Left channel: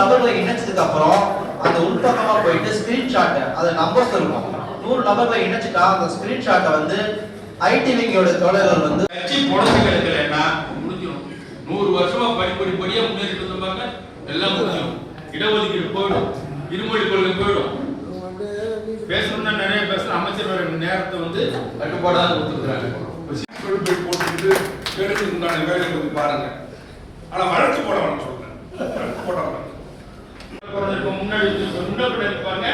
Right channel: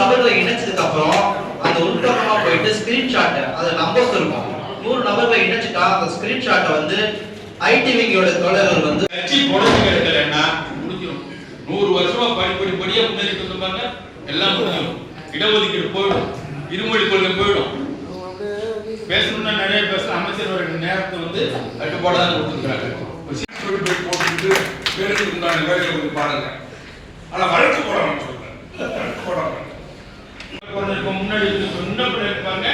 நபர்களை இணைச்சதுக்கு அப்புறம் அந்த உள்பக்கமா போயிட்டு ஸ்கிரீன்ஷாட் அது நம்பர்ஸ் இருக்கும். 100 நபர்களை இணைச்சிட்டா அந்த ஸ்கிரீன்ஷாட்டை வந்து ஐடிவிங்கோட தோழர்கள் வந்து கட்சி புடவை எடுக்கலன்னா முடிஞ்சிடும். 100 வருஷமா படிப்படியா முன்னேறிட்டு வந்தாங்க, எல்லாம் முடிஞ்சிடும். இடஒதுக்கீடு போயிடும், இருமொழி கொள்கை போயிடும். பேசணும்னா நிறைய பேசணும். அமைச்சர் நேரத்தை வந்து கட்டுப்பாடாக கொடுத்துருக்காங்க. போட்டுக்கிட்டு பேருக்கு உண்டான வேலைகளை வந்து பாருங்க. ஆனா வழக்கு போடணும் சொல்றேன், வழக்கு போடணும். முன்னாடி சொன்ன இருப்பாங்க,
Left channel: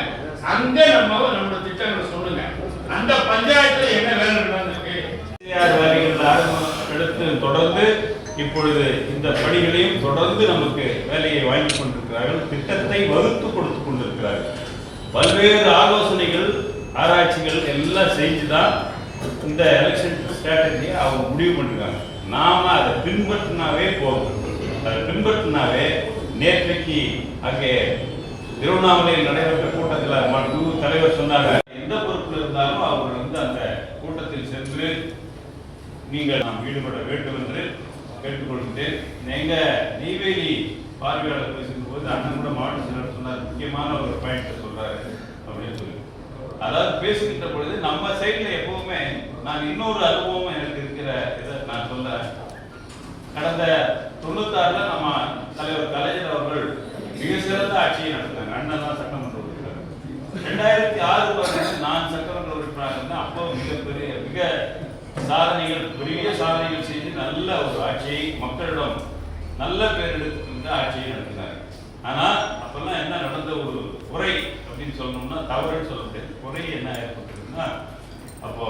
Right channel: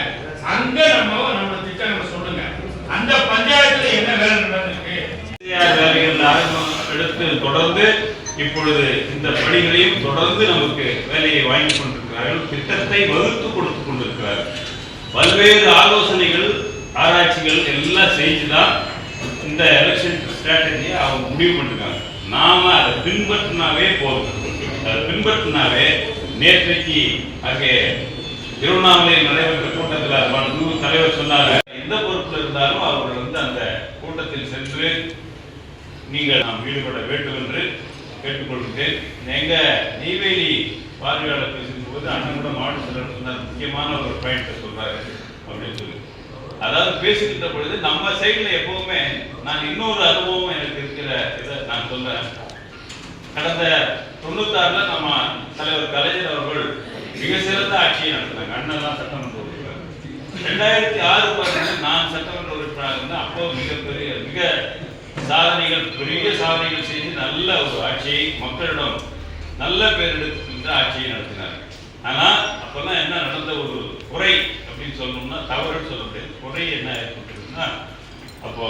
அங்க நம்மளோட திட்டங்களை சொல்லுங்க. அந்த பஞ்சாயத்துல என்ன வேலை நடந்திருக்கு, எடுத்து தொடர்ந்து இப்பொழுது இந்த பணிகளையும் தொடர்ந்து நமக்கு வேலையை வாங்கி கொண்டிருக்கிறார்கள். திட்டத்தை வகுத்து கொடுத்து கொண்டிருக்கிறார்கள். பல்வேறு ஆலோசனைகள் ஆராய்ச்சிகள் எல்லாம் செஞ்சுதான் இந்த எலெக்ஷன் ஸ்ட்ராட்டஜியை அவங்க முடிவு பண்ணிருக்காங்க. நாம அதை பின்பற்றினாவே போதும். அதை பின்பற்றினாவே நேற்றைக்கு அங்கே திருவண்ணாமலையில் நடைபெற்ற கூட்டத்தில் தலைவர் சொன்னாங்க, எந்த பொறுப்பில் இருந்தாலும் அவர்கள் வந்து அந்த கூட்டத்தில் சென்று நீங்கள் நாம் ஈடுபட வேண்டும் என்று கேட்டுக்கொள்கிறேன். எங்க நெய்வேலி பார்வையாளர் பேசும்போது அண்ணன் கூட மாவட்ட செயலர் சொன்னார், முக்கியமான ஒரு பாயிண்ட் சொல்றாரு அப்படின்னு சொல்லி. அதாவது பேசுகின்ற பொழுது நம்ம சைட்ல எப்பவுமே நான் இன்னொரு அனுபவம் எனக்கு இருக்கிற இதை நான் சொல்றேன். கடந்த 96ல நம்ம தலைவர் கலைஞர் அவர்கள் மிக சிறந்த ஆட்சியை நடத்தினாங்க. அண்ணன் தான் சட்டமன்ற உறுப்பினர். 2006 நான் சட்டமன்ற உறுப்பினராக இருந்தேன். அப்போ மிக சாதனைகள், பெரிய சாதனைகள் செய்து நல்ல ஒரு ஆட்சியை மக்களிடம் நல்ல பேர் எடுத்துக்கின்ற ஆட்சியை நடத்தினார். ஆனா அப்பெல்லாம் என்ன நடந்த ஒரு குறை அப்படின்னு சொல்லணும்னா, தவறுன்னு சொல்ல முடியாது, குறை என்ன ஏற்பட்டிருக்குன்னா, அப்போ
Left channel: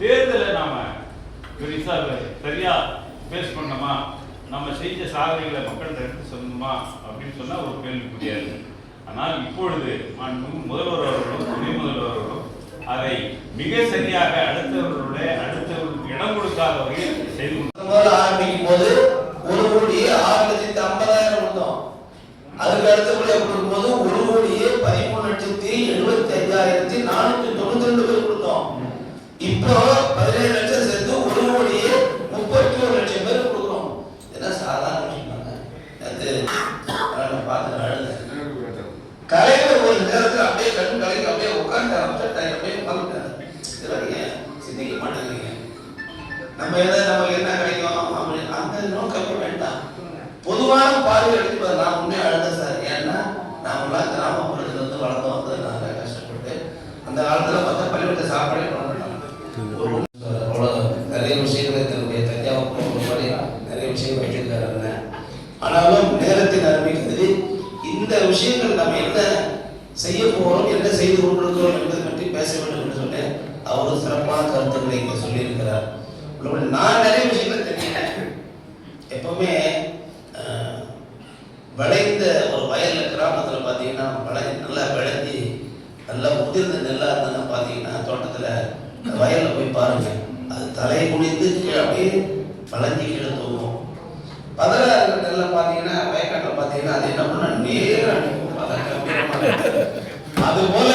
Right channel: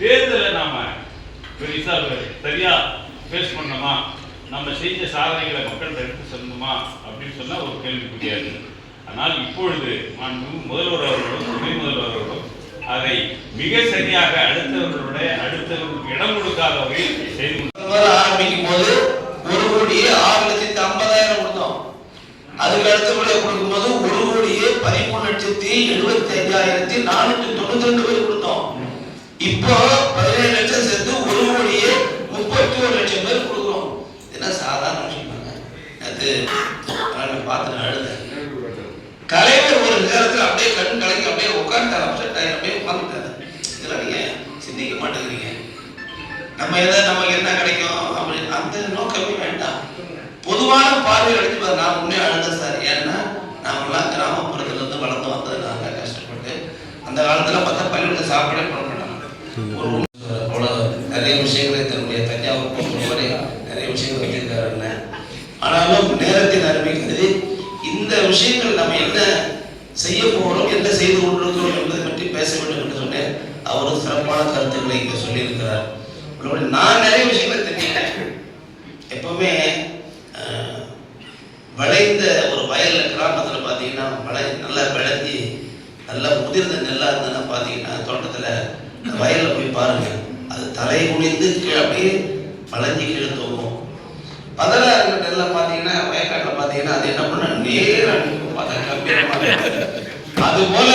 தேர்தலை நாம பெருசா சரியா பேஸ் பண்ணோமா, நம்ம செஞ்ச சாதனைகளை மக்கள் எடுத்து சொல்லணுமா அப்படின்னு சொன்னா ஒரு கேள்வி புரியாது. ஆனால் இப்பொழுது முதல்வர் அவர்களும் துணை முதல்வர் அவர்களும் அதை மிக சரியாக அடுத்தவர்களுடைய இடம் கொடுக்காத வகையில் செய்து ஆரம்பிக்கும் போது 1,06,50,000 கொடுத்தோம். அதுக்கு அடுத்தபடியாக கொடுக்கும்போது 1,75,492 பேர் கொடுத்தோம். இப்போ 17 லட்சம் சேர்த்து 1,31,00,000 பேர் கொடுக்குறோம். என்ன சாதாரண விஷயம்? அது பார்த்து அழுத கலைஞர் ஒரு நேரத்தில் அப்படியே கண் கலைஞர் அப்படியே உட்காந்துட்டார், அப்படியே உட்காந்துட்டாரு. இதெல்லாம் நீங்க சிந்திக்க மாட்டேங்கிறீங்க. நமக்கு என்ன கிடைக்கும் அப்படின்னு அந்த நோக்கமே வேண்டாம். பொதுவான பார்வை எடுத்து நான் முன்னே அழுத சார். ஏன்னா நாமெல்லாம் கிராமப்புறத்துல இருந்து வளர்ந்து வந்தது, நாங்க கஷ்டப்பட்டு அந்த காலத்துல பார்த்தா பள்ளிக்கூடத்தை சாப்பாடே பண்ண மாட்டாங்க. நிறைய விஷயங்களை தன்னுடைய தஞ்சாவூர் நிறைய விஷயங்கள் வைத்திருக்காரு. ஆனாலும் நேரத்தின் அருமை கருதி இந்த விஷயங்கள் நம்ம என்ன செய்ய போகிறோம், என்ன செய்து கொண்டிருக்கிறோம் என்பதை பற்றி பேச வேண்டும் என்று சொன்னேன். அவரும் சிறப்பான கருத்துக்களை இங்கே சொல்லியிருக்கிறார். நான் நிறைய விஷயங்களை தெரிஞ்சுக்கிறேன். எப்பவுமே விளைந்த ஒரு வயல்ல கிராமத்தில் பார்த்தீங்கன்னா நல்லா விளைஞ்சி நல்லா முதிர்ந்த நெல்லாக இருந்ததுன்னா பார்த்தீங்கன்னா தோட்டத்தில் வயலில் போய் பாருங்க, அது தலை குனிந்து அப்படியே வளைஞ்சி கீழே தோகும். பதிலா இருக்கிற நெல்லை பார்த்தீங்கன்னா வயக்காட்டில் பார்த்தீங்கன்னா அது என்ன பண்ண நேரம் அது போல